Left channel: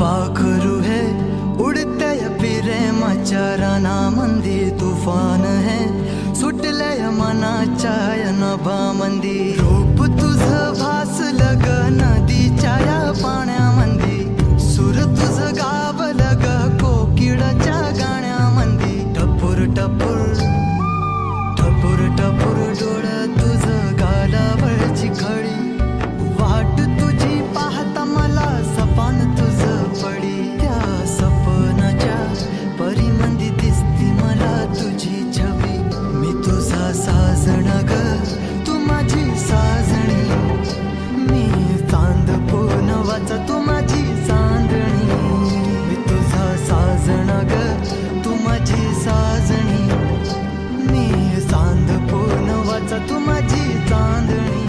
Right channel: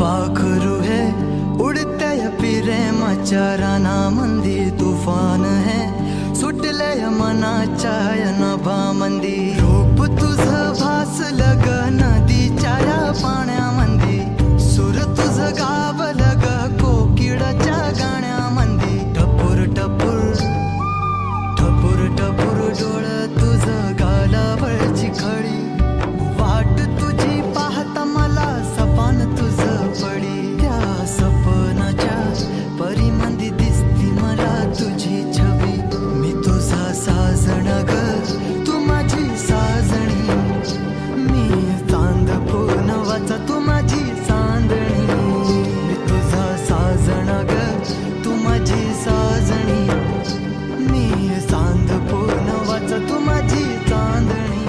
पाखरू है उडते प्रेमाच्या रानामंदी तुफान है सुटले मनाच्या नभामंदी रूप तुझं भासलं ग नदीच्या या पाण्यामंदी सूर तुझं गावलं ग कोकिळाच्या गाण्यामंदी टपूर टपूर टपूर टपूर डोळं तुझं गालावरची खडी वाट तुझी पाहता मला सपान तुझं पडी त्या सपनाच्या परीमंदी दिसती मला तुझी छबी मी तुझा साजण ग तू माझी साजणी मी चांद पूनवाचा तू माझी चांदणी मी तुझा साजण ग तू माझी साजणी मी चांद पूनवाचा तू माझी चांदणी